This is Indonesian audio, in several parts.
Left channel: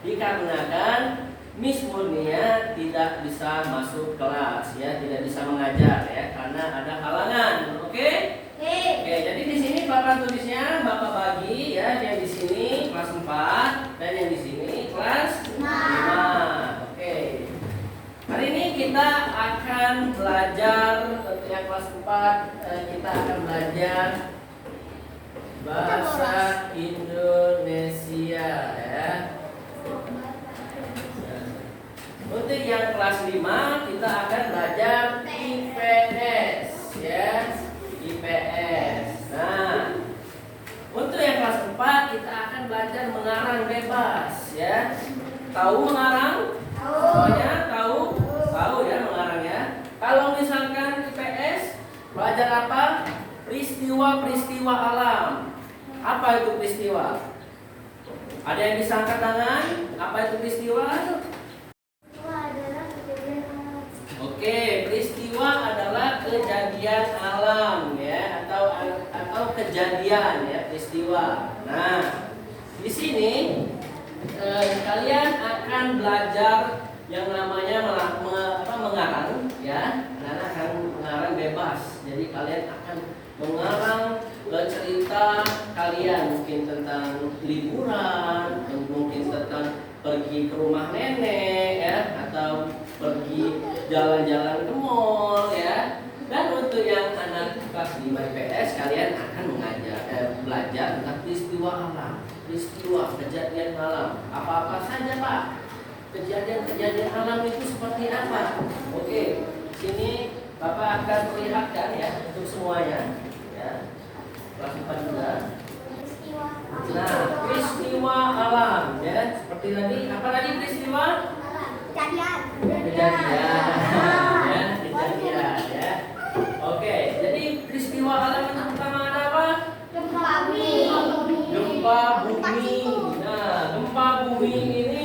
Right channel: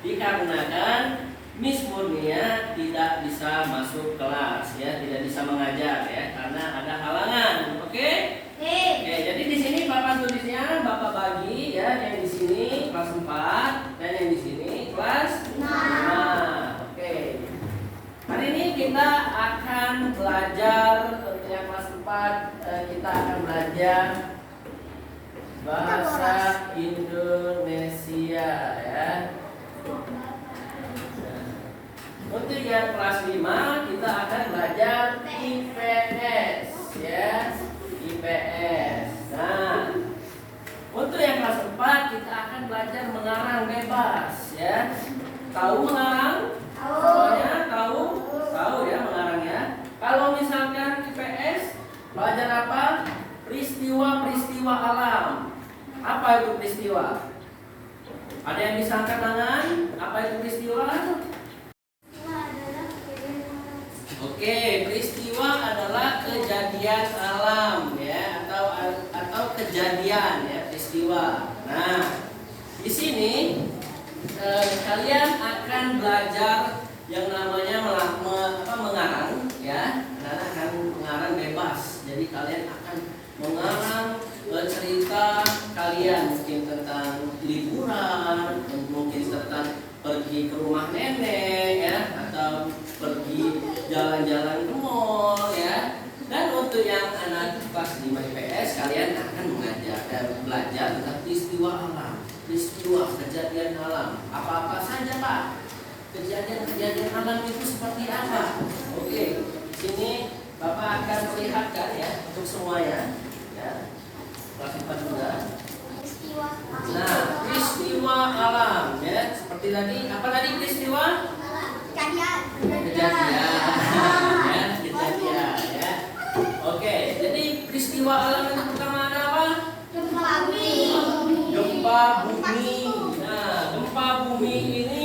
dikarenakan Miss Murnia tidak bisa masuk kelas ya, tidak bisa mengajar ya karena ada halangan. Oke? Oke, jadi di sini Bapak tulisnya Bapak bagi ya, yang di sini kelas 4 dan yang di sini kelas 5. Oke. Hari ini kita akan belajar untuk yang kelas 4, kita akan belajar bahasa Indonesia ya. Untuk yang kelas 5 kita akan belajar IPS ya, IPS. Nah, untuk yang kelas 4 kita akan belajar mengarang bebas ya. Tahu mengarang? Semuanya tahu? Tahu ya mengarangnya. Kalau misalkan IPS belajar apa? Peristiwa-peristiwa alam. Apa itu peristiwa? Ada yang bisa angkat tangan? Apa itu peristiwa? Oke, peristiwa adalah kejadian alam ya, atau kejadian ya, peristiwa. Nah, di sini kalian akan belajar yang namanya mengarang ya. Anak-anak akan mengarang bebas. Jadi kalian akan mengarang cerita kalian, mungkin tentang liburan, mungkin tentang pergi ke rumah nenek ya, atau pergi jalan-jalan ke mall ya. Dan untuk yang anak kelas 5 IPS, kalian akan belajar tentang peristiwa alam, peristiwa kejadian alam. Apa-apa saja Pak? Kejadian-kejadian alam itu seperti apa? Oke, di sini Bapak akan perlihatkan ya untuk semuanya ya. Kelas 4 juga. Nah, peristiwa alam ya, seperti tadi. Apa tadi peristiwa? Kejadian ya, kejadian ya. Oke, jadi peristiwa alam yang pertama ada apa? Gempa bumi. Nah, gempa bumi ini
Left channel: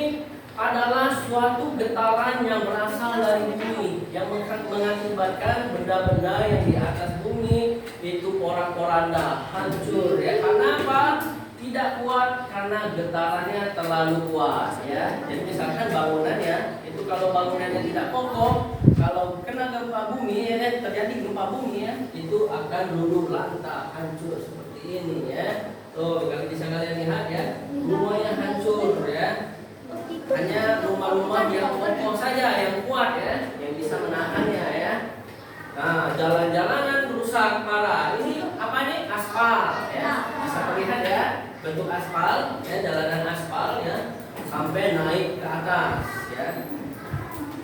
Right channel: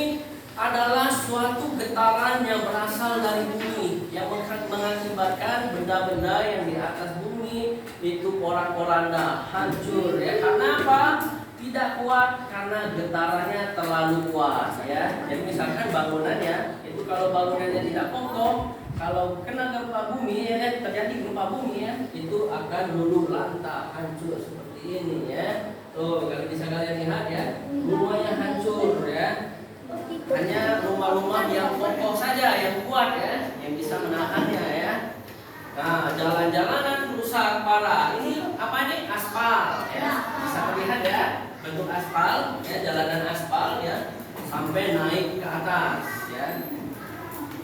adalah suatu getaran yang berasal dari bumi yang mengakibatkan benda-benda yang di atas bumi itu porak-poranda, hancur ya. Karena apa? Tidak kuat karena getarannya terlalu kuat ya. Jadi misalkan bangunannya itu, kalau bangunannya tidak kokoh, kalau kena gempa bumi ya, terjadi gempa bumi ya, itu akan luluh lantak, hancur seperti ini ya. Tuh, kalau bisa kalian lihat ya, semuanya hancur ya. Hanya rumah-rumah yang kokoh saja yang kuat ya, yang bisa menahannya ya. Nah, jalan-jalanan rusak parah. Ini apa nih? Aspal ya. Bisa terlihat ya, bentuk aspal ya, jalanan aspal ya, sampai naik ke atas ya.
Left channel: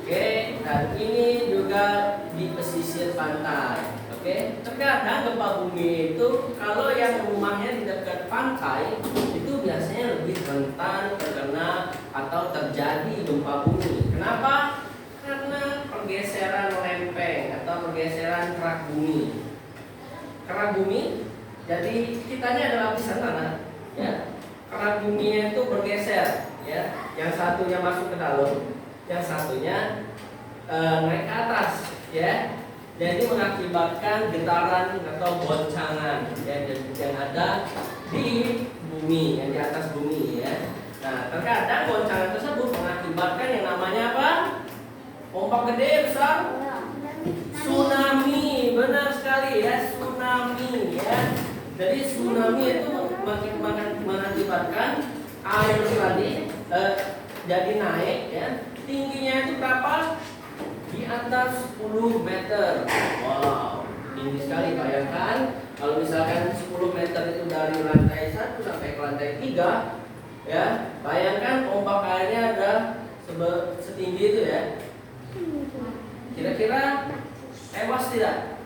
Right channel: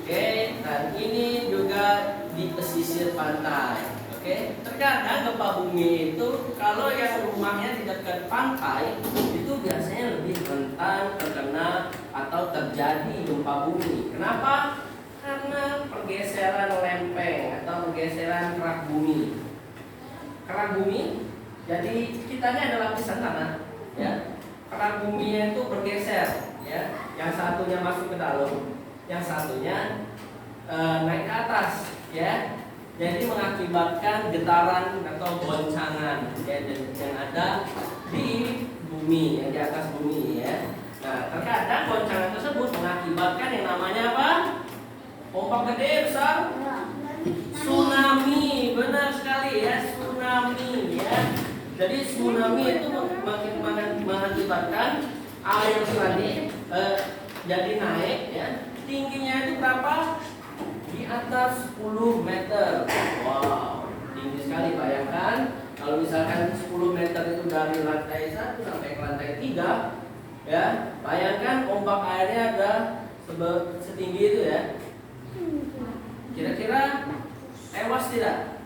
Oke, dan ini juga di pesisir pantai. Oke, terkadang gempa bumi itu kalau yang rumahnya di dekat pantai itu biasanya lebih rentan terkena atau terjadi gempa bumi. Kenapa? Karena pergeseran lempeng atau pergeseran kerak bumi. Kerak bumi, jadi kitanya ada lapisan tanah, ya. Kerak buminya itu bergeser, ya. Yang satunya masuk ke dalam, yang satunya naik ke atas, ya. Jadi mengakibatkan getaran atau goncangan ya, yang ada di bumi, yang di atas bumi ya. Nah, terkadang goncangan tersebut mengakibatkan yang namanya apa? Ombak gede besar, tsunami. Benar sekali ya, tsunami ya. Jadi tsunami itu mengakibatkan air tadi jadi naik ya. Tingginya itu berapa? Di atas 10 meter. Wow, tinggi sekali. Bayangkan kalau misalkan 10 meter itu dari lantai 1 sampai ke lantai 3 ya, bayangkan ombak airnya ada setinggi itu ya. Kira-kira tewas tidak?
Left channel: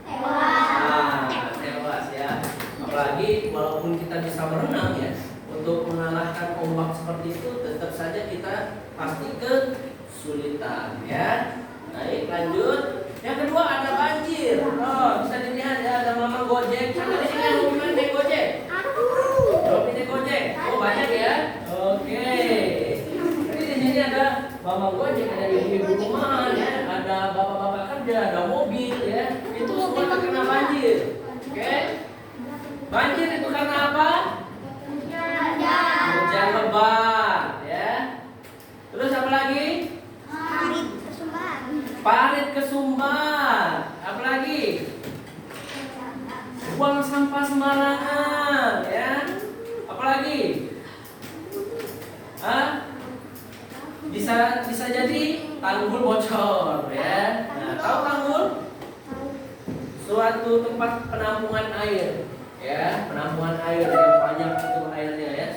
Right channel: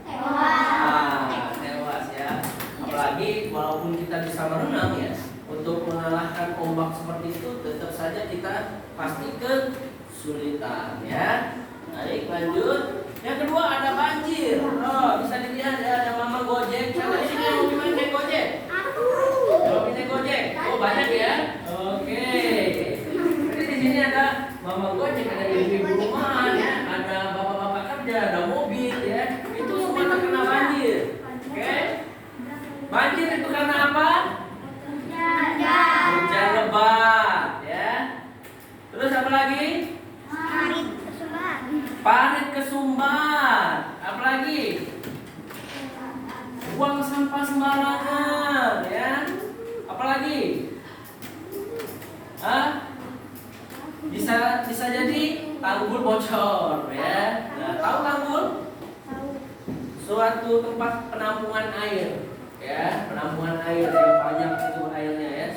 Tewas ya. Apalagi walaupun kita bisa berenang ya, untuk mengalahkan ombak seperti itu tetap saja kita pasti kesulitan ya. Baik, lanjut. Yang kedua ada banjir. Oh, bisa dilihat ya, ada Mama Gojek. Siapa di sini yang hobi naik Gojek? Hobi naik Gojek? Oh, banyak ya. Oke. Jadi di sini ada Mama Gojek, ada ibu-ibu rumahan ya, ada bapak-bapak kerja, ada mobil ya. Itu semua terkena banjir. Oke. Banjir itu karena apa? Hujan lebat ya. parit kesumbat. Apalagi? Buang sampah sembarangan, ya. Apalagi? Bisa jadi tanggul bocor, ya. Nah, tahu tanggul? Suatu tempat penampungan air, ya, penampungan air yang banyak itu airnya, ya,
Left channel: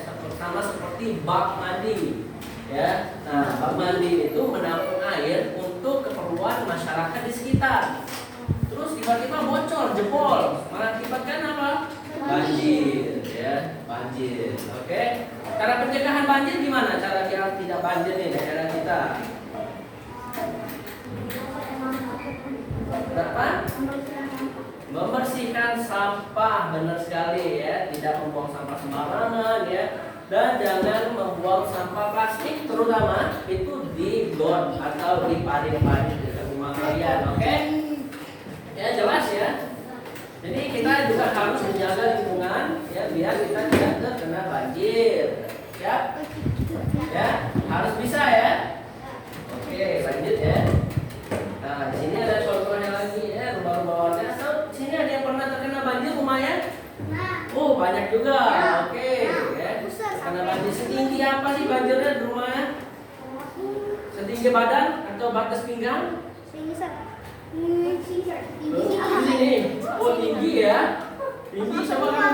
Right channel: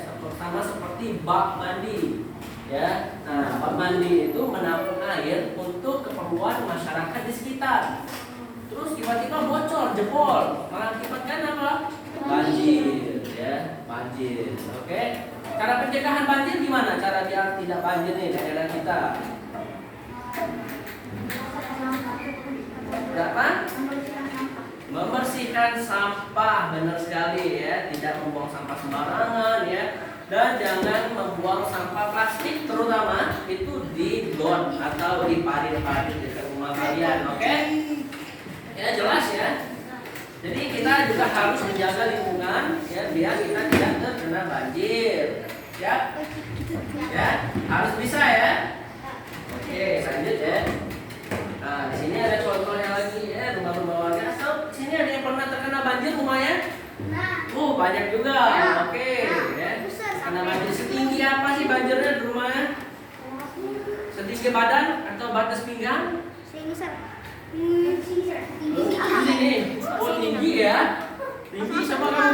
sama seperti bak mandi, ya. Nah, bak mandi itu menampung air untuk keperluan masyarakat di sekitar. Terus tiba-tiba bocor, jebol, mengakibatkan apa? Banjir, ya, banjir. Oke. Cara pencegahan banjir gimana? Cara biar tidak banjir nih daerah kita? Apa? Membersihkan sampah, benar sekali, ya. Tidak membuang sampah sembarangan, ya. Dan jangan membuang sampah plastik, terutama itu di got atau di parit-parit di rumah kalian, oke? Ya, jelas ya. Jadi kita juga harus menjaga lingkungan, ya, biar kita tidak terkena banjir, ya. Ya, harus bisa ya. Oke, lanjut ya. Nah, di sini ada contohnya lagi, ya, rumah-rumah warga. So, di sini ada yang pernah terkena banjir rumahnya? Oh, banyak juga. Oke, ya. Terkena banjir setinggi apa sih banjirnya di rumahnya? Setinggi badan atau batas pinggang? Sini. Oh, tinggi ya. Tinggi. Coba kamu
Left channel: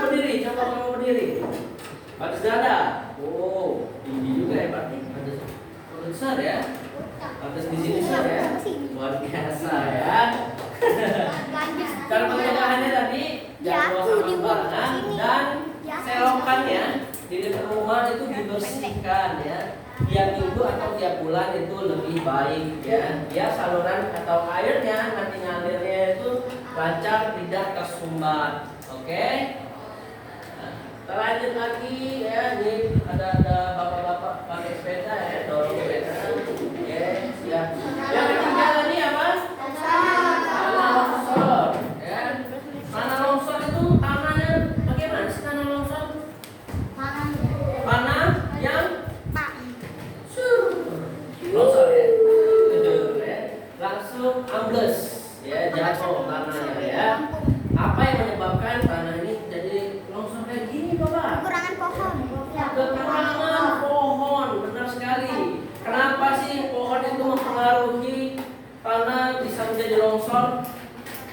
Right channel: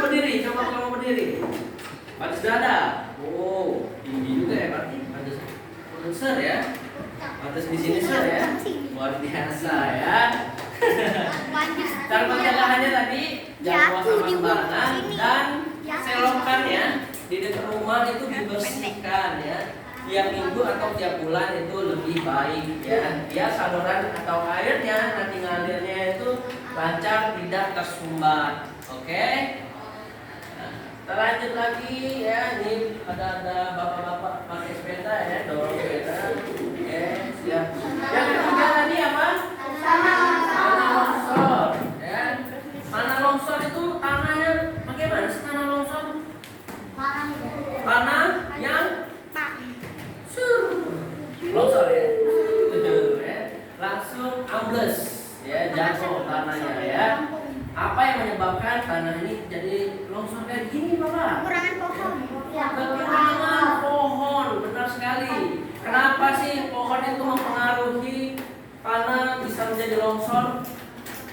berdiri. Batas dada. Oh, tinggi juga ya, berarti. Batas besar ya. Batas di sini besar ya. Luar biasa ya. Cara pencegahannya tadi jangan buang sampah sembarangan dan selokannya di dekat rumah itu dibersihkan, ya. Tiap minggu atau tiap bulan itu lebih baik, ya. Biar saluran atau airnya nanti ngalirnya itu lancar, tidak tersumbat. Oke. Nah, kita lanjut lagi, ya. Ini ada bapak-bapak pakai sepeda, ya, dorong sepeda. Oke, siap. Yang ketiga tadi apa? Tanah longsor, ya. Tanah longsor itu tanahnya bagaimana sih tanah longsor? Tanah yang longsor, ya. Langsung ambles, ya, jatuh tanahnya, ya. Apa yang menyebabkan tanah ini jadi longsor kayak gini, Bapak? Kekurangan pohon, benar sekali. Kenapa sih pohon itu mempengaruhi tanah bisa menjadi longsor?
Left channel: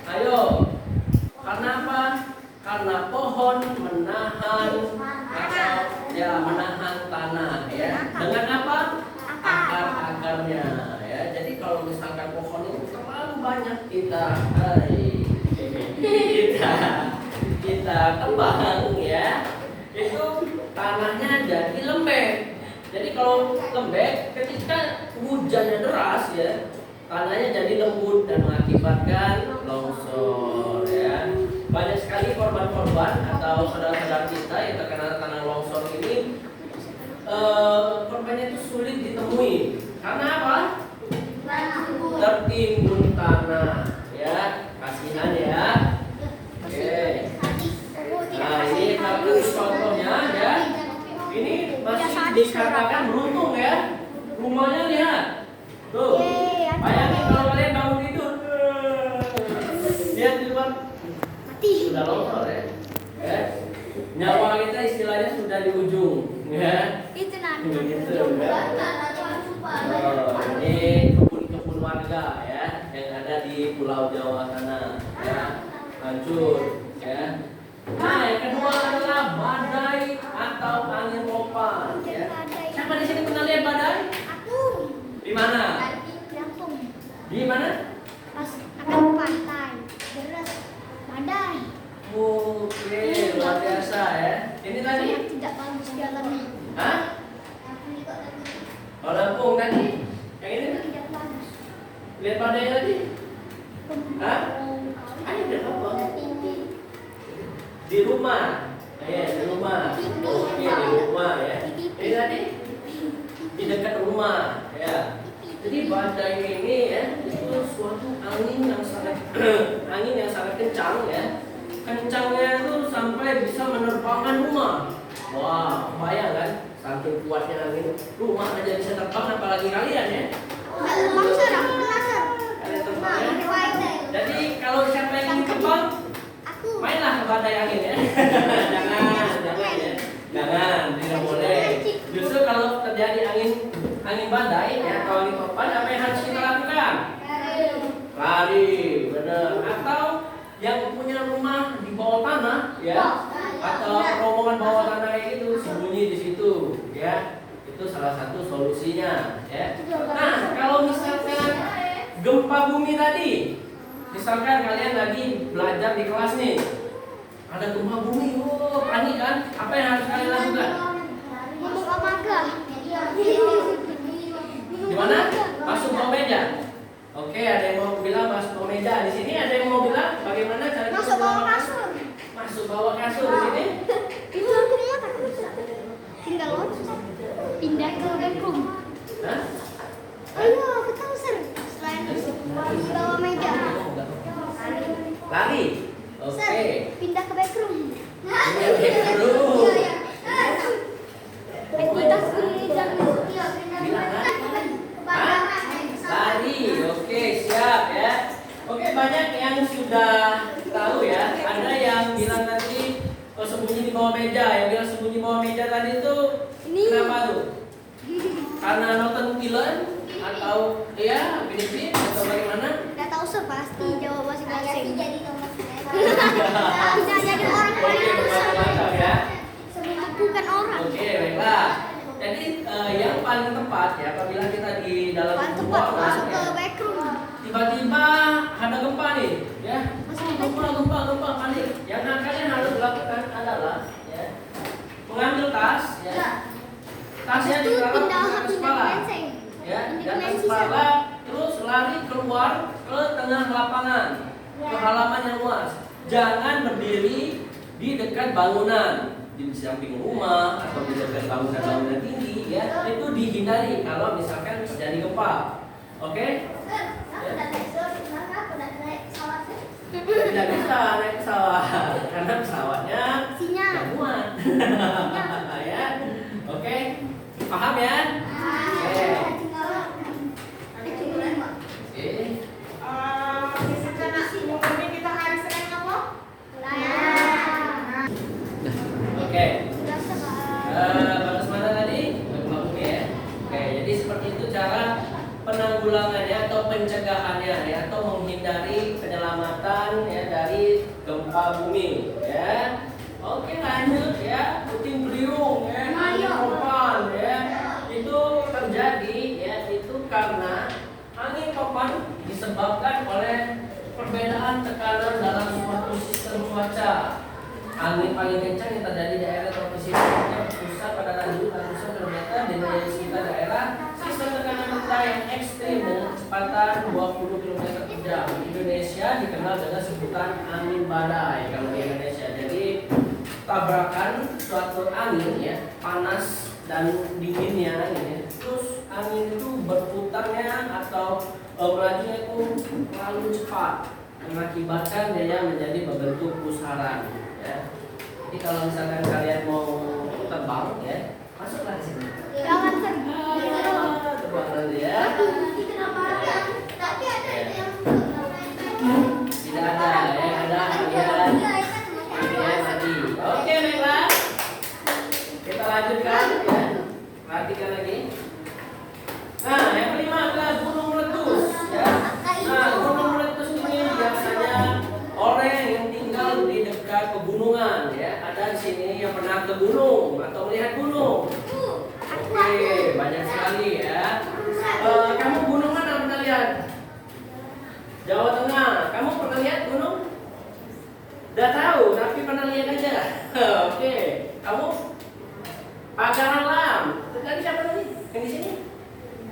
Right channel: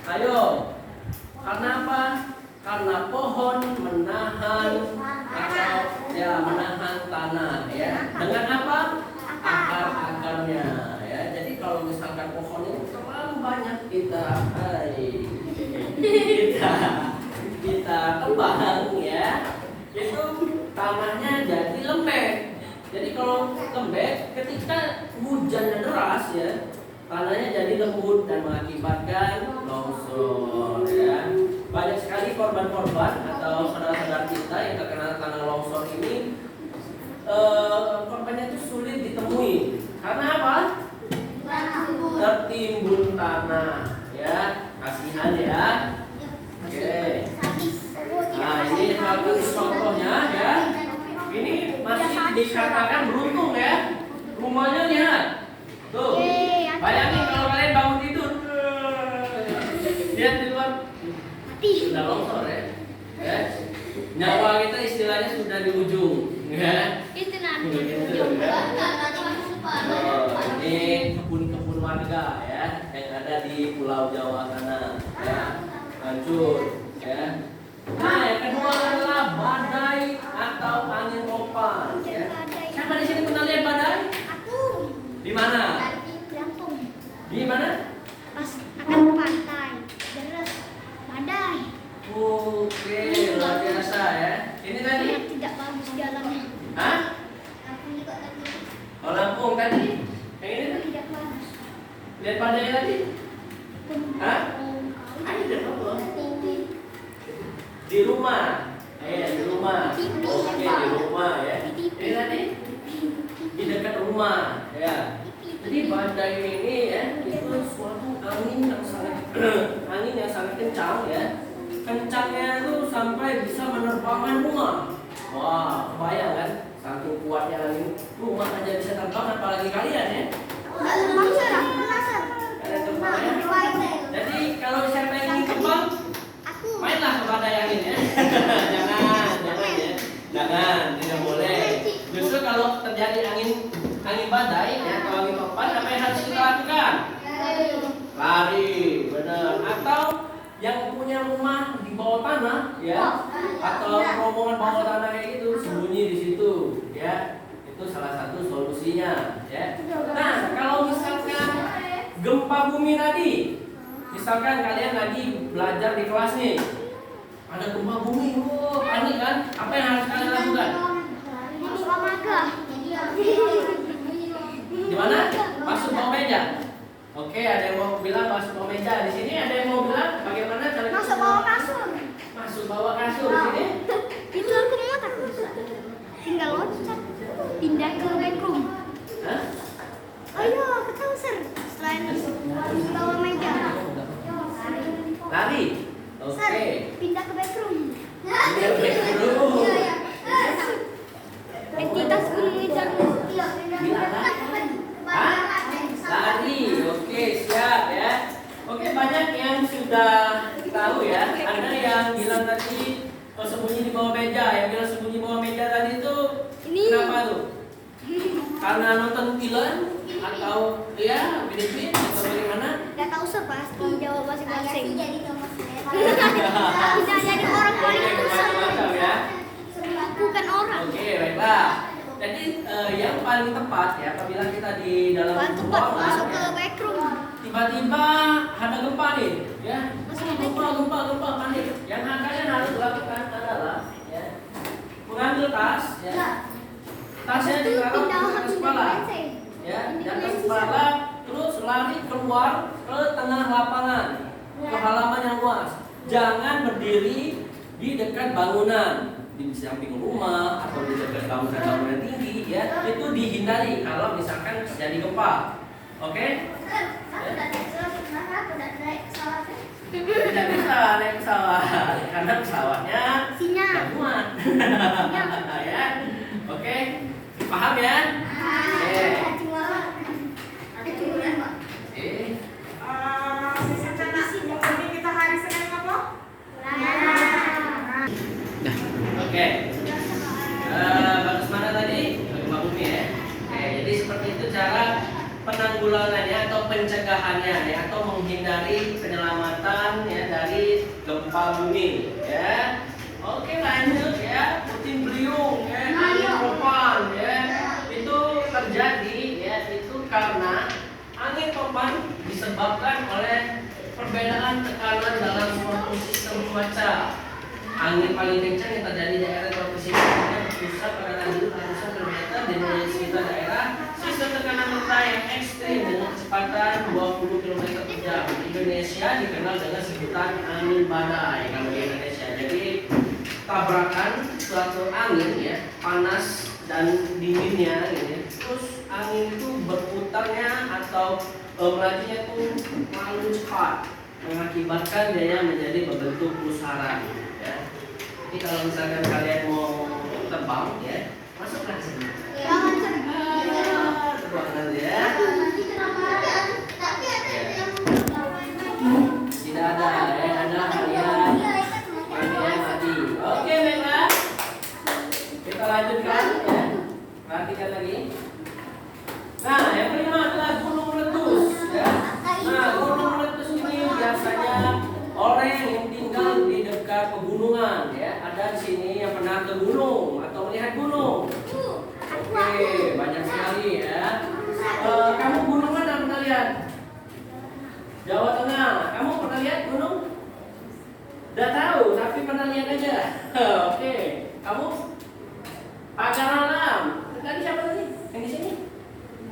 Ayo. Karena apa? Karena pohon menahan menahan tanah, ya. Dengan apa? Akar-akarnya, ya. Jadi kalau misalkan pohon itu terlalu banyak kita tebang, ya, itu tanahnya jadi lembek. Jadi kalau lembek, ketika hujannya deras, ya, tanahnya jadi lembut dan mengakibatkan longsor, ya. Banyak sekali korban-korban atau saudara-saudara kita yang terkena tanah longsor ini, korbannya itu sulit ditemui. Karena apa? Tertimbun tanah, ya. Kasihan, ya. Oke. Nah, ini satu contohnya, ya. Ini masih dikatakan beruntung, ya. Rumahnya lihat. Tuh. Bayangin kalau kalian bangun tidur. Lihat di luar. Sudah longsor, ya. Nyawa kita istilahnya sudah di ujung, ya. Itu nanti. Gitu, ya. Ini kebun-kebun warga, ya, yang ada di Pulau Jawa sana, ya. Lanjut, ya. Nah, yang kedua adalah badai atau angin topan, ya. Siapa di sini pernah lihat badai? Di mana? Di mana? Pas ada pantai, deras, badai. Oke, luar biasa, ya. Ini tadi? Tidak bagus jalannya. Hah? Oh, Lampung tadi? Yang ini? Tidak bagus. Lihat badai tadi? Hah? Ayo deh, Bapak. Di rumah. Di rumah. Oke, di rumah, ya. Ini tadi? Di dekat rumah, ya. Jadi badai ini, ya, itu suatu angin yang sangat kencang, ya. Kencangnya itu sampai bisa menerbangkan rumah. Wah, bayang kan? Saking kuatnya angin, rumah aja bisa terbang, apalagi kalian, ya. Longsor, aku penasaran. Kalian terbangnya. Jadi kalau siapa yang ingin terbang, Aku. mainlah ke badai angin ya. Jangan ya. Jangan, tidak boleh. Justru kalau terjadi angin badai ya atau angin topan, apa yang harus kita lakukan? Lari, benar. Atau yang punya rumah di bawah tanah ya, atau rombongan bawah tanah kayak gitu, sembunyi di situ ya. Itu salah satu solusinya ya. Nah, kalau misalkan gempa bumi tadi, misalkan kalian lagi belajar di kelas nih, ada gempa bumi, panik kan? Apa yang harus kalian lakukan? Masuk olahraga. Di mana? Masuk bawah meja. Oke, ada yang mau bilang masuk bawah meja. Di sini ada yang mau bilang bagaimana cara kita Masuk bawah kasur. Masuk bawah kasur di sini. Itu aku mau takut. Tinggal loncat. Pindah ke backroom. Hah? Ayo, ke kasur. Selain bawah meja. Lari. Sir, Oke. pindah ke backroom. Dulu. Aktivitas kuliah. Bilang kan? Hah? Lari. Oke, siap ya. Oke, banyak yang sudah tahu ya. Ada yang bilang tadi sembunyi di bawah meja. Yang bilang sembunyi di bawah meja tadi itu kenapa tuh? Karena nonton film atau ya Filipin atau bagaimana? Gak tahu sih pasti jawab masing-masing. Bisa jadi orang Oke, macam-macam ya. bukan orang. Oke, baiklah. Jadi yang paling tepat ya apabila kita di dalam Paling tepat ruangan masuk ke ya, backroom. tiba-tiba ada gempa nih, ya. Gempa, panik. Yang kalian harus lakukan adalah ya, mengambil tas, ya. Tasnya ditaruh di atas kepala, ya, di atas kepala, terus lari keluar ke tengah lapangan, ke halaman yang luas. Jangan berdiri di dekat bangunan, di samping rumah atau di dekat bangunan-bangunan tinggi, ya. Itu dihindari kalau misalkan terjadi gempa. Oke? Tidak bisa naik pesawat karena pesawatnya Sinyal. nggak muat. Ya, oke, paham ya? Oke. Oke. Batas mana tadi? Gempa bumi ya. Oke, jadi seperti itu cara penanggulangannya atau pencegahannya ya, atau menghindari penyelamatan ya dari gempa bumi ya. Oke, lanjut ya, puting beliung ya, angin topan ya. Itu terjadi ya, itu karena angin topan disebabkan oleh perbedaan tekanan dalam suatu sistem cuaca. Angin paling kencang yang terjadi di daerah tropis ini berpusat pada laju ratusan kilometer di sekitar daerah sistem tekanan rendah yang ekstrim dengan kecepatan 20 km per jam. Indonesia dikenal dengan sebutan angin badai kalau di Indonesia. Jadi tabrakan suatu angin ya, panas dan dinginnya gitu ya. Terus angin itu berputarnya atau melajunya itu terlalu cepat mengakibatkan dia menjadi berbentuk pusaran ya. Jadi kalau misalkan kalian mau terbang ya, masuklah ke sini. Jangan Terbang nanti ya. Tidak ada yang ada bagian tadi. Oke, baiklah. Kita lanjutkan ya. Perhatikan lagi. Nah, yang kelima adalah gunung meletus ya. Nah, gunung meletus ini biasanya orang yang tinggal di dekat pegunungan ya. Ada di sini yang pernah ke gunung atau melihat gunung. Oke, banyak sekali ya. Kamu gunungan atau pernah lihat? Jawa Tengah. Kamu pernah lihat gunung? Udah tahu, tapi pernah lihat aja. Oke, kamu pacar alam. Tadi siapa tadi? Yang di sini?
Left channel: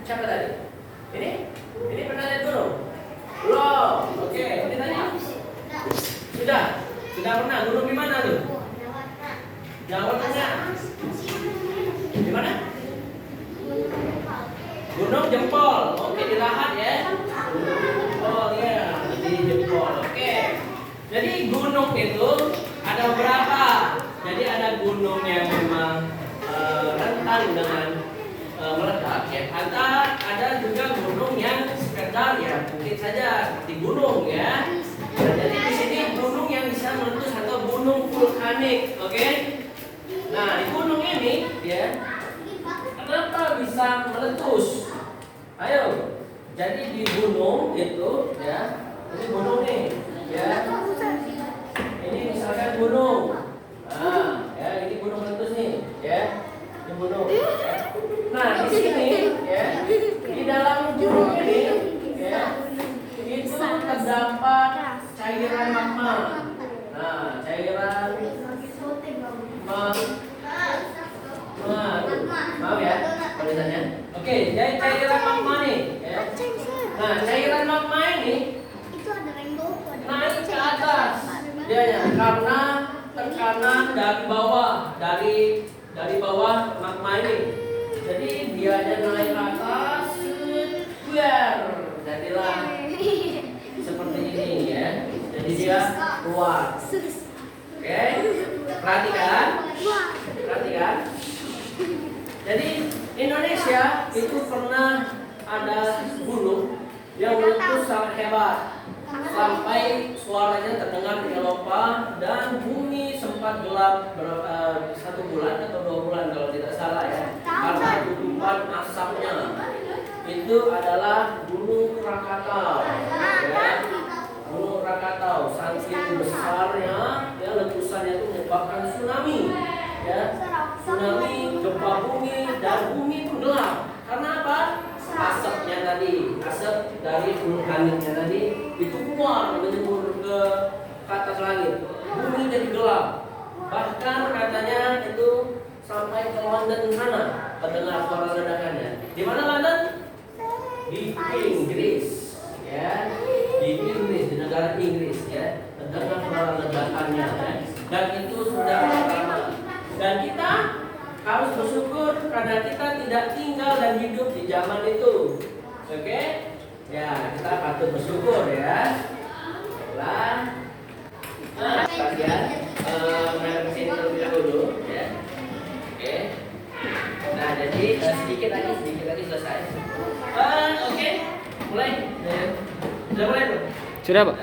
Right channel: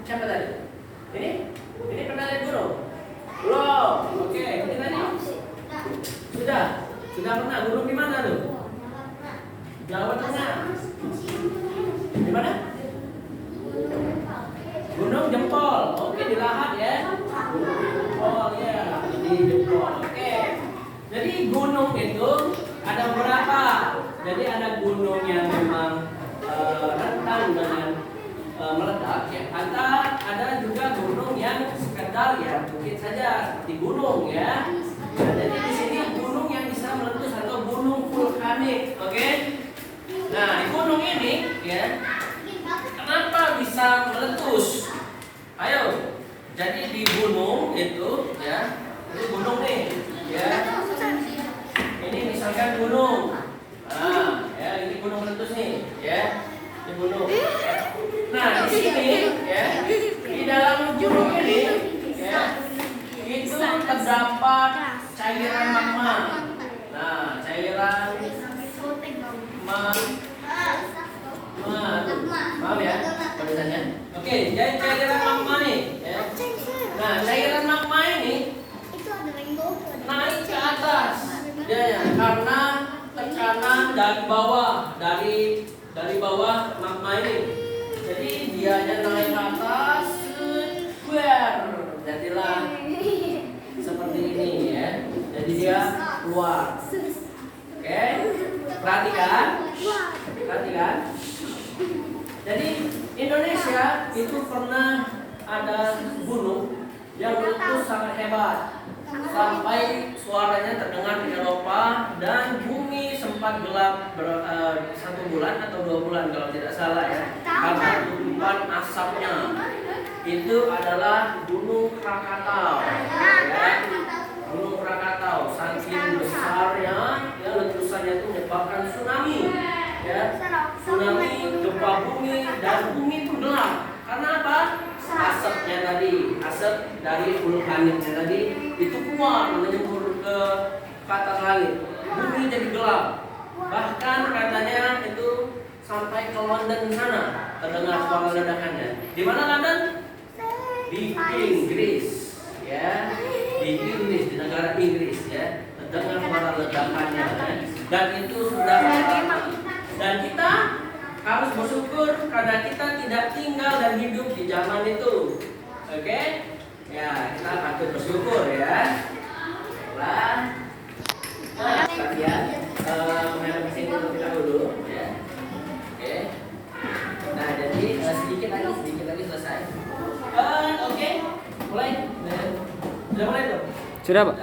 Siapa tadi? Ini pernah lihat gunung? Belum. Oke, ini tanya. Sudah pernah. Gunung di mana tuh? Jawa Tengah. Di mana? Gunung Jempol. Oke, di Lahat ya. Gunung Jempol ya, di Jempol. Oke. Jadi gunung itu ada beberapa. Jadi ada gunung yang memang rentan dengan meledak ya. Ada juga gunung yang sekedar ya bukit saja seperti gunung ya. Nah, jadi di sini gunung yang bisa meletus atau gunung vulkanik, oke? Nah, di gunung ini ya, kenapa bisa meletus? Ayo, jadi di gunung itu ya, ini gunung nih, ya. Ini misalkan gunung, nah, ya ini gunung meletus nih, ya, ini gunung. Nah, di sini ya, di dalam gunung ini, ya, itu terdapat cairan magma. Nah, cairan maaf ya tulisannya. Oke, jadi cairan magma nih. Ya. Nah, cairan magma ini naik ke atas. Ya, karena tekanan dari bawah, dari bawah magma ini. Jadi dia naik ke atas, jadilah seperti ini ya. Jadi dia keluar. Oke, perhatikan. Jadi Indonesia itu pernah ada gunung yang meletus sangat hebat sampai suaranya terdengar di Eropa dan bumi sempat gelap 1 bulan atau 2 bulan kalau tidak salah ya, karena gugupan asapnya. Itu adalah Gunung Krakatau ya. Gunung Krakatau saking besarnya ya, letusannya itu menyebabkan tsunami ya, tsunami, gempa bumi, dan bumi itu gelap. Karena apa? Asapnya tadi, asap dari vulkaniknya tadi itu keluar menyembur ke atas langit. Bumi jadi gelap. Bahkan katanya itu sampai ke London sana terdengar suara ledakannya. Di mana London? Di Inggris, ya, di Inggris, di negara Inggris, ya, terdengar suara ledakannya, ya. Dan itu sudah lama. Dan kita harus bersyukur karena kita tidak tinggal dan hidup di zaman itu, oke? Ya, kita patut bersyukur ya. Nah, kalian main di sini terlebih dahulu, ya. Oke. Nah, jadi sedikit lagi selesai. Oke, mulai. Sudah mulai belum? Sudah, Pak.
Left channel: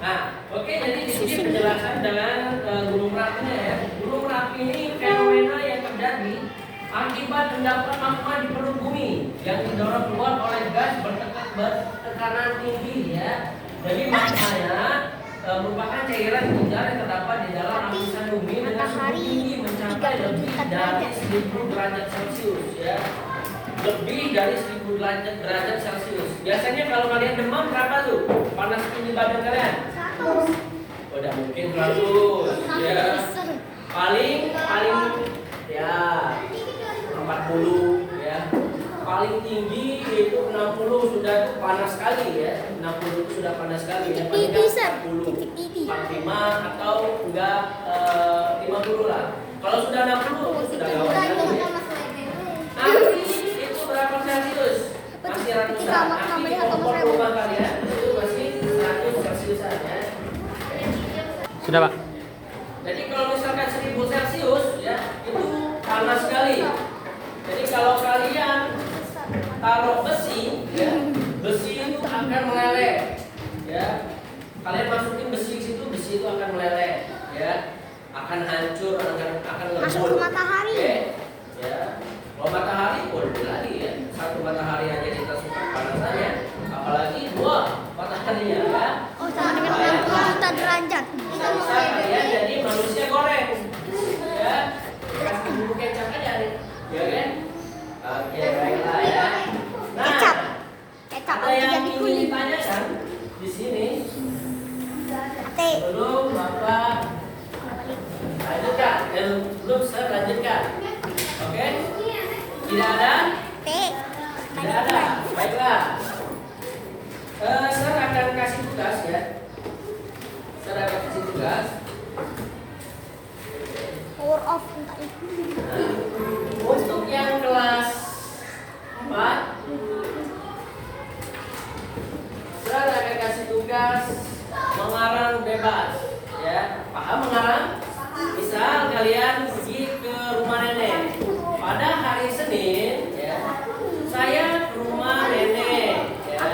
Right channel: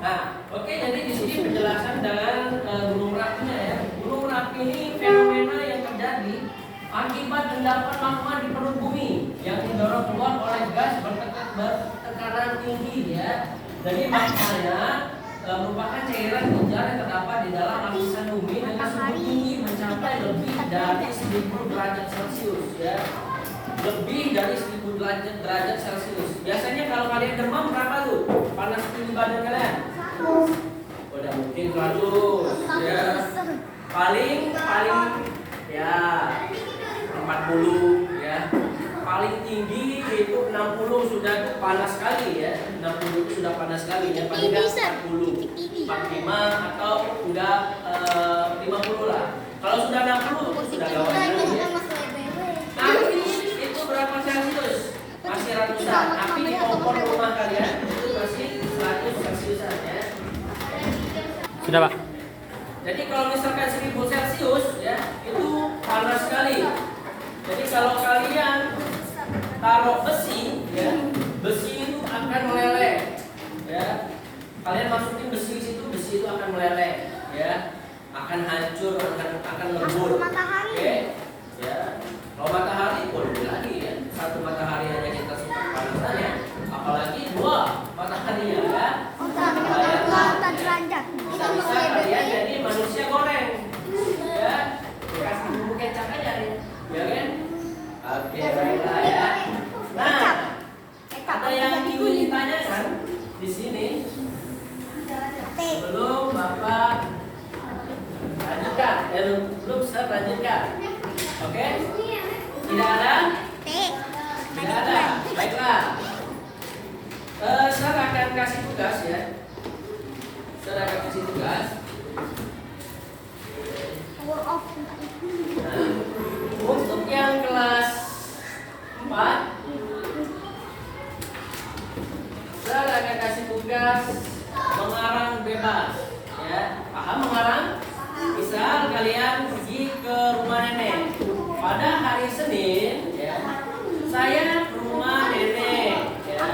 Nah, oke, jadi di sini penjelasan dengan Gunung Merapinya ya. Gunung Merapi ini fenomena yang terjadi akibat endapan magma di perut bumi yang didorong keluar oleh gas bertekanan tinggi ya. Jadi magmanya merupakan cairan gunjar yang terdapat di dalam lapisan bumi dengan suhu tinggi mencapai lebih dari 1000 derajat Celcius ya. Lebih dari 1000 derajat Celcius. Biasanya kalau kalian demam berapa tuh? Panas tinggi badan kalian? Udah mungkin 100 ya. Paling ya 40 ya. Paling tinggi itu 60 sudah panas sekali ya. 60 itu sudah panas sekali ya. Paling enggak 40, 45 atau enggak 50 lah. Kalau sudah 60 sudah gawat sekali ya. Tapi itu berapa Celcius? Masih ratusan. Tapi di kompor rumah kalian itu masih 100 Celciusan ya. Sudah, Pak. Jadi kalau misalkan 1000 Celcius ya, itu panas sekali. Jadi kalau kalian taruh besi ya, besi itu akan meleleh ya. Kalian masukin besi situ, besi itu akan meleleh ya. Akan hancur, akan lebur. Oke. Ya. Kalau matahari boleh lagi ya. 1 matahari aja kita suka panasannya, apalagi 2 mataharinya ya. Bisa kalian jadi manusia goreng ya, kasih bumbu kecap aja nih ya kan. Oke, baiklah ya. Nah, ada yang ingin ditanyakan di sini sebelum Bapak lanjutkan, belum saya lanjutkan. Oke, tidak ada? Tidak ada, baiklah. Saya akan kasih tugas ya. Saya akan kasih tugas. Nah, untuk yang kelas 4, saya akan kasih tugas mengarang bebas. Ya, paham mengarang? Misal kalian pergi ke rumah nenek pada hari Senin, ya ya. Saya ke rumah nenek, ya.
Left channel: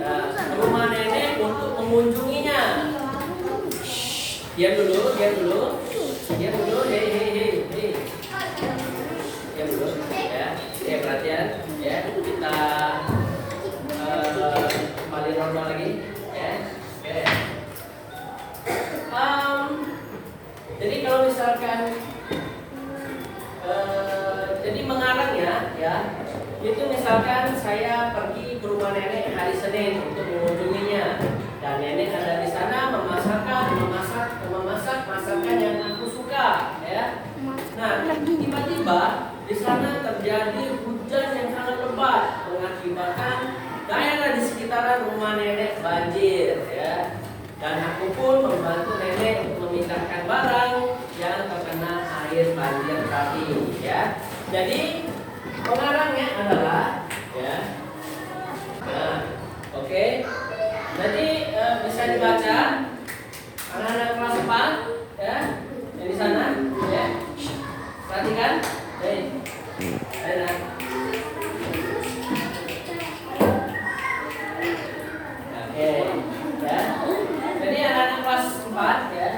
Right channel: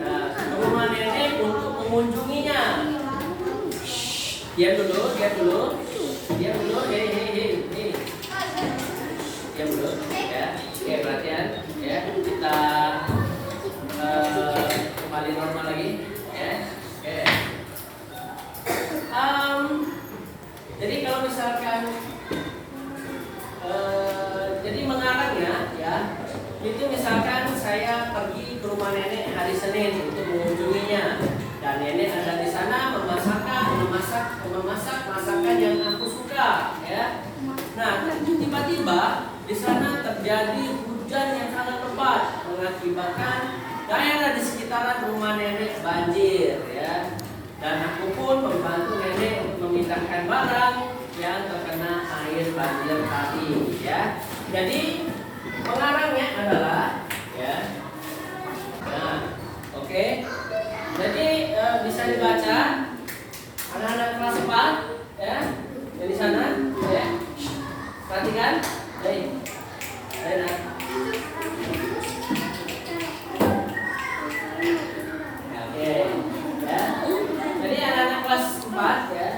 Nah, ke rumah nenek untuk mengunjunginya. Diam dulu, hei. Diam dulu, ya. Oke, perhatian, ya. Kita kembali normal lagi, ya. Oke. Jadi kalau misalkan jadi mengarangnya, ya. Itu misalkan saya pergi ke rumah nenek hari Senin untuk mengunjunginya, dan nenek ada di sana memasak masakan yang aku suka, ya. Nah, tiba-tiba di sana terjadi hujan yang sangat lebat mengakibatkan daerah di sekitaran rumah nenek banjir, ya. Dan aku pun membantu nenek untuk memindahkan barang yang terkena air banjir tadi, ya. Jadi pengarangnya adalah, ya. Nah, oke. Jadi bisa dibaca anak-anak kelas 4, ya. Di sana, ya. Perhatikan, Oke, ya. Jadi anak-anak kelas 4, ya,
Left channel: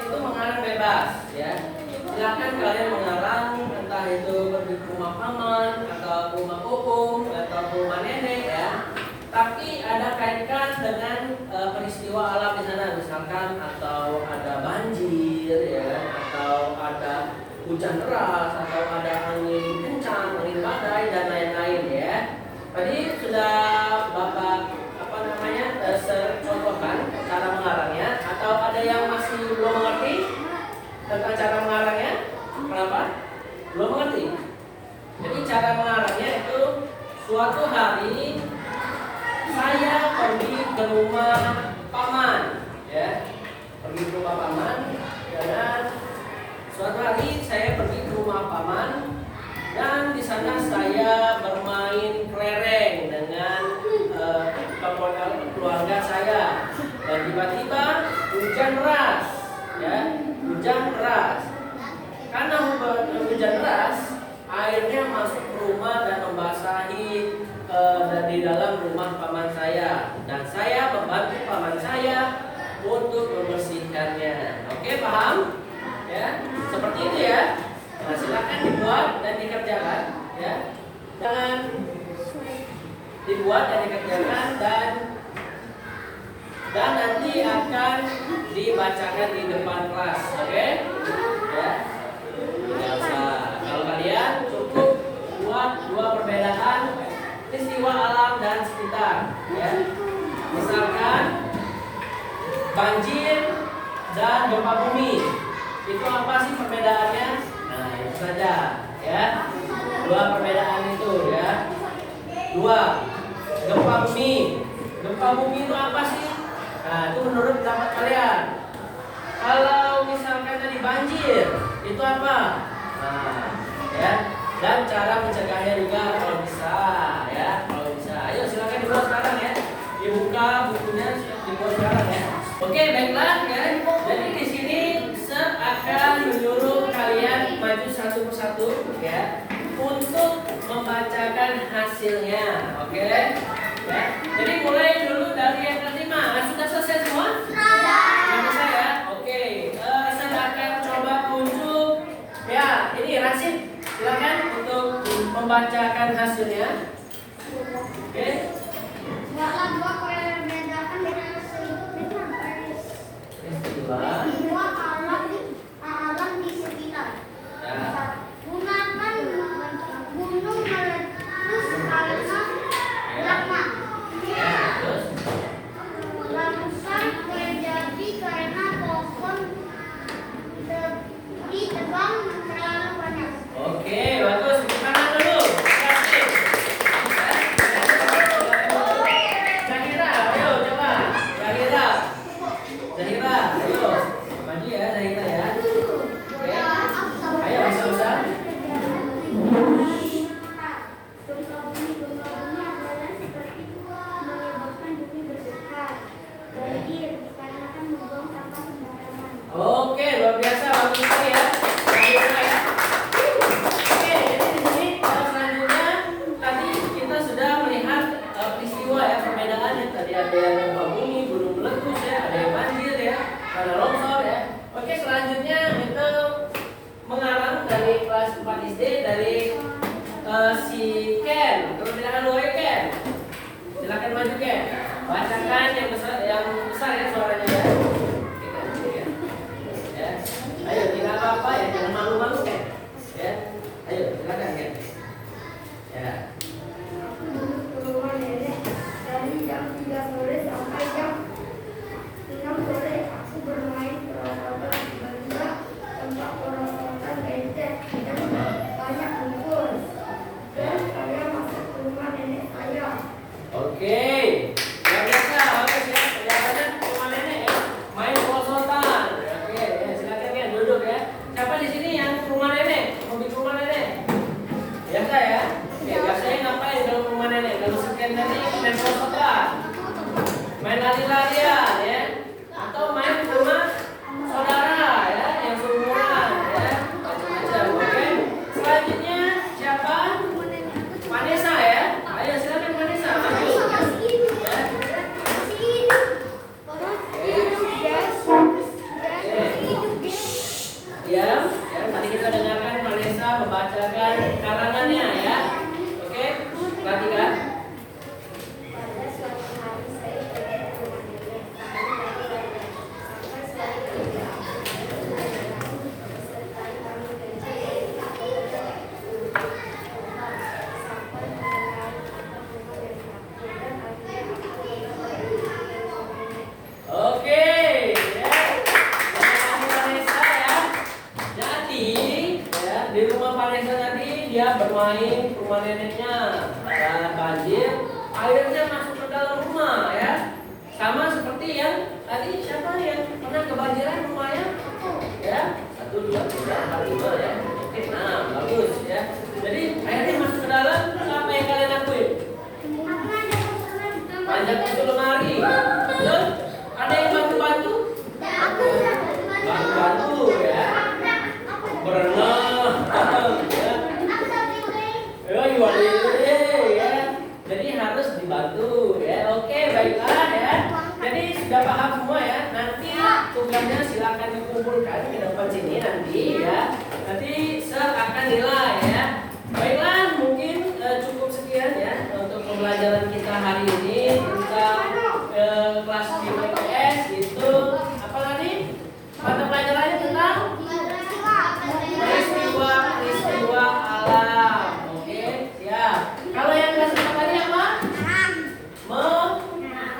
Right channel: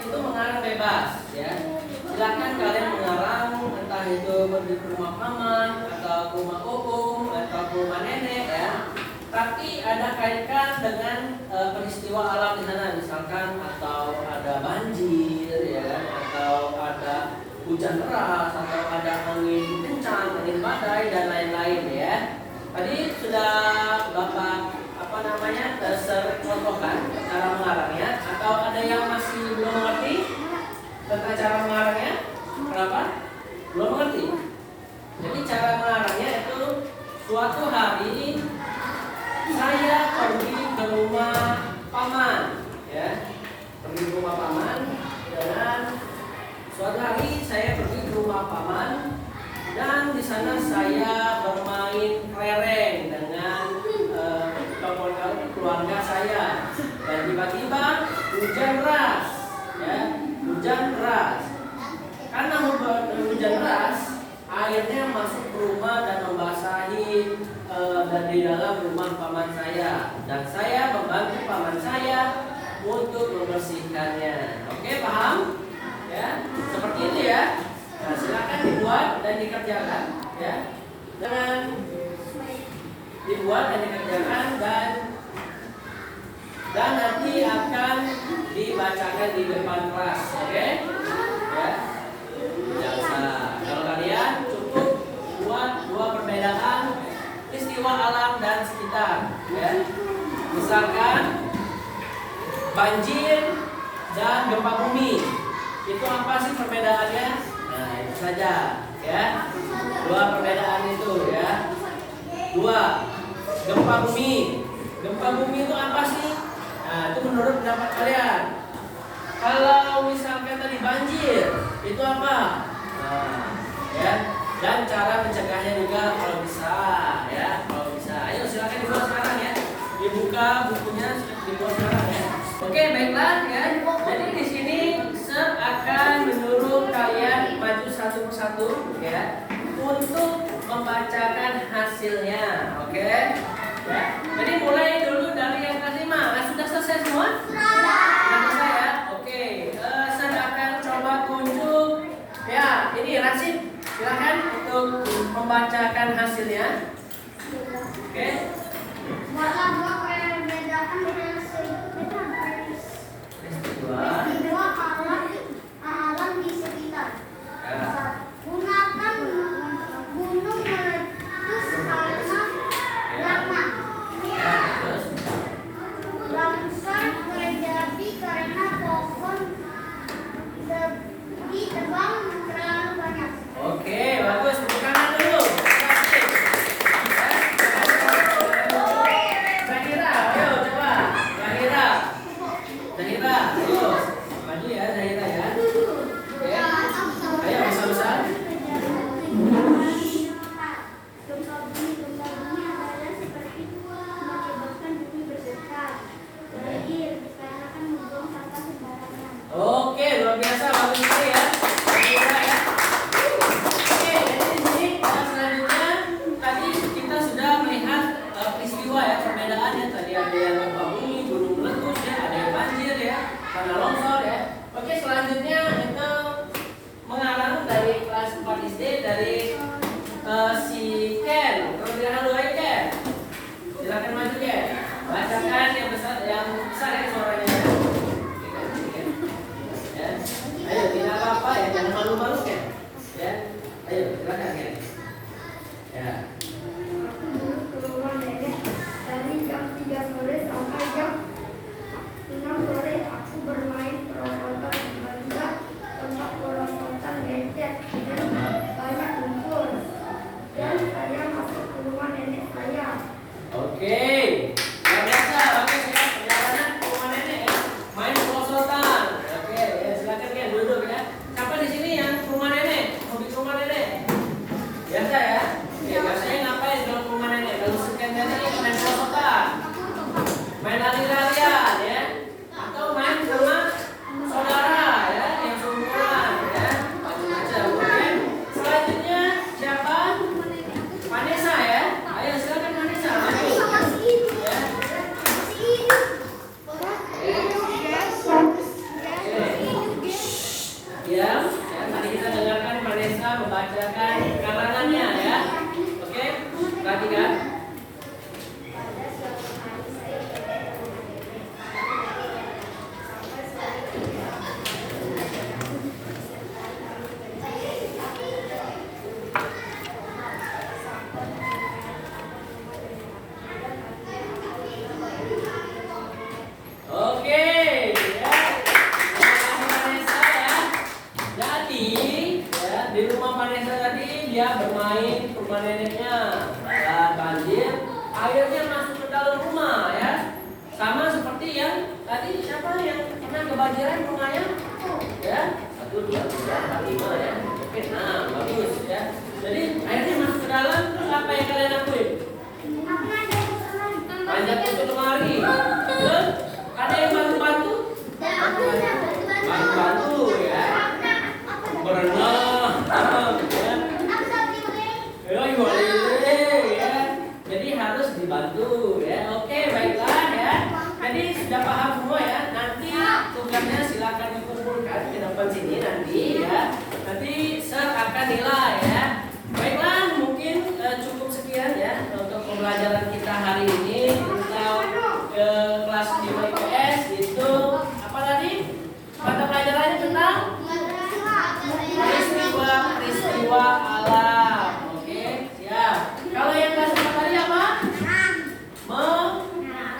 itu mengarang bebas, ya. Silakan kalian mengarang, entah itu pergi ke rumah paman atau ke rumah opung atau ke rumah nenek, ya. Tapi ada kaitkan dengan peristiwa alam di sana, misalkan atau ada banjir, ya, atau ada hujan deras, atau ada angin kencang, angin badai dan lain-lain, ya. Tadi sudah Bapak contohkan cara mengarangnya, atau ada yang masih belum mengerti tentang cara mengarangnya? Kenapa? Belum mengerti. Jadi cara mengarangnya itu suatu hari saya pergi ke rumah paman, ya. Pergi ke rumah paman, dan suatu hari saya pergi ke rumah paman, dan di sana saya bermain kelereng dengan keluarga saya, dan tiba-tiba hujan deras, ya. Hujan deras. Karena hujan deras, airnya masuk ke rumah dan membasahi di dalam rumah paman saya, dan saya membantu paman saya untuk membersihkannya. Oke, paham? Ya, seperti itu, ya. Nah, silakan dibuat dan dikerjakan, ya. Dan dibuat dan dikerjakan, dan nanti akan dibacakan di depan kelas, oke? Ya. Biasa. Kalau kalian cukup buat 2 perbedaan peristiwa alam dan sekitar, ya. Misalkan banjir dan gempa bumi. Itu apa sih perbedaannya? Nah, itu saja, ya. 2 perbedaan itu, ya. 2. Gempa bumi. Gempa bumi itu apa sih? Nah, itu menurut pendapat kalian. Kalau misalkan tadi banjir, itu apa? Nah, ya. Dan cara mencegahnya juga kalau bisa, ya. Kalau bisa, ayo silakan dibuat sekarang, ya. Dibuka bukunya, dibuat sekarang, ya. Oke, baiklah, ya. Jadi di sini akan menyuruh kalian maju satu persatu, ya, untuk membacakan hasilnya, oke? Ya. Jadi mulai dulu dari yang kelas 5. Sudah selesai semua? Sudah selesai, ya? Oke. Saya akan coba tunjuk. Ya, ini Rashid, silakan untuk membacakan hasilnya. Oke. Buatlah 2 perbedaan dengan peristiwa alam di sekitar. Ya. Gunakan gunung meletus karena lama. Ya, terus. Longsor terjadi karena pohon ditebang terlalu banyak. Oke, bagus. Tepuk tangan dulu. Kasih. Zahira, ayo coba. Zahira, ayo. Maju ya, Zahira, ya. Oke. Ayo, bisa-bisa. ada yang gempa bumi, gunung meletus ya, ada yang banjir ya, karena longsor ya. Oke, selanjutnya itu mengarang dari kelas 4 SD dari si Ken. Kemudian halo ya Ken. Silakan maju Ken. Bacakan yang besar ya suaranya ya. Ya. Ayo tidak apa ya, jangan malu-malu Ken. Ya. Ayo silakan Ken. Ya. Rumah nenek dari jam 3 sore sampai jam 6 sore aku bermain perosotan benda tempat perosotan becek dan banyak lumpur dan saya masuk ke rumah nenek saya. Oke. Luar biasa. Oke, siap. Perjalanannya ke rumah nenek ya. Main perosotan. Oke, ya silakan Ken duduk ya. Siapa di sini yang ke rumah nenek? Hobi ke rumah nenek? Biasa ya. Oke, biasanya ngapain kalau ke rumah nenek? Kalau sekian tadi main perosotan, main lari-larian ya, atau main ke rumah saudara ya, yang seumuran ya, macam-macam. Oke. Selanjutnya siapa? Vanessa ya. Ayo silakan Vanessa. Maju. Ya. Ya, tadi kita dengarkan Vanessa membacakan karangannya ya. Oke, perhatikan. Pada suatu hari saya pergi ke rumah nenek sampai suatu disertai kami Oke, ya. Terima kasih Vanessa ya. Jadi, ya di rumah Vanessa tadi dia bermain ke rumah neneknya dan banjir, airnya masuk ke dalam rumah ya. Sama seperti yang tadi siapa yang pernah kebanjiran rumahnya? Ya, 1, 2, 3, 4, 5 ya. Oke, nah bagus ya. Jadi airnya masuk ke dalam, terus apa yang kalian lakuin? Panjat ke lemari. Terus ada yang bantu-bantu? Bantu-bantu ya. Berenang, ya. Ya. Jadi harus dibantu ya. Oke, baiklah ya. Jadi sudah paham semua ya. Nanti tugasnya silakan dikumpulkan ke depan sini nanti ya. Nanti akan nilai ya. Baiklah, mungkin cukup sekian ya untuk pembelajaran kita hari ini tentang kelas 5 IPS itu apa tadi? Mata pelajarannya tentang peristiwa alam. Oke, siap. Kalau yang kelas 4 tadi apa?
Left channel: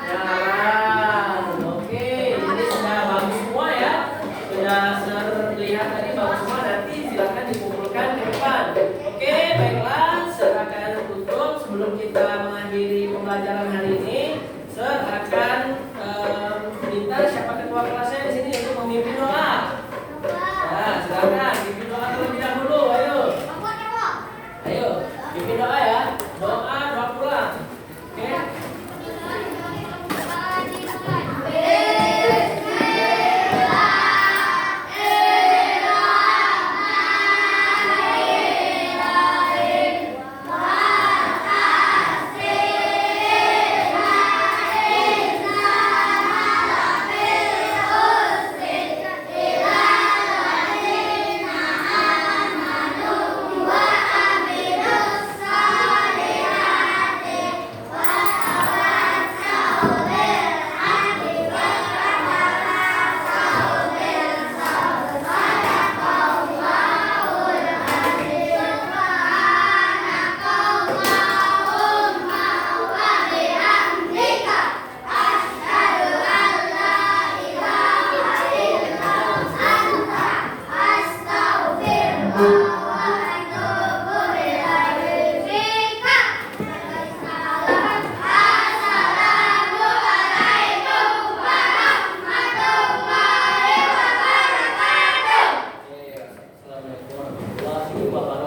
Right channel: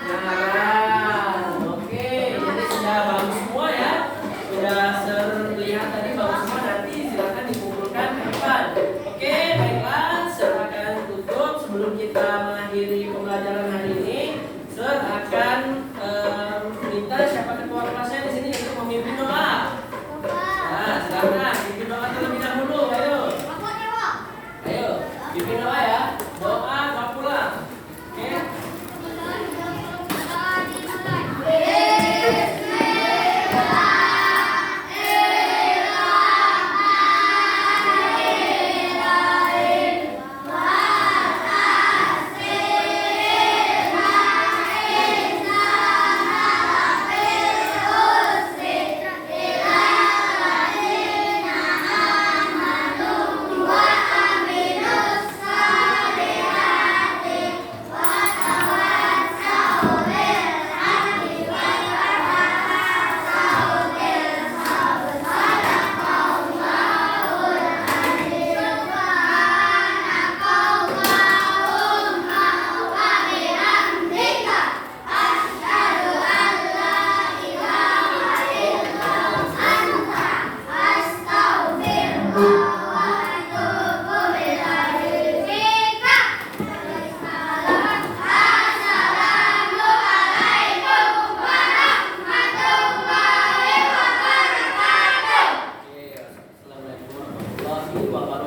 Mengarang. Oke, jadi sudah bagus semua ya. Sudah terlihat tadi bagus semua. Nanti silakan dikumpulkan ke depan. Oke, baiklah. Silakan tutup sebelum kita mengakhiri pembelajaran hari ini. Sir akan minta siapa ketua kelasnya di sini untuk memimpin doa. Nah, silakan pimpin doa terlebih dahulu. Ayo. Ayo, pimpin doa ya. Doa pulang. Oke. Assalamualaikum warahmatullahi wabarakatuh.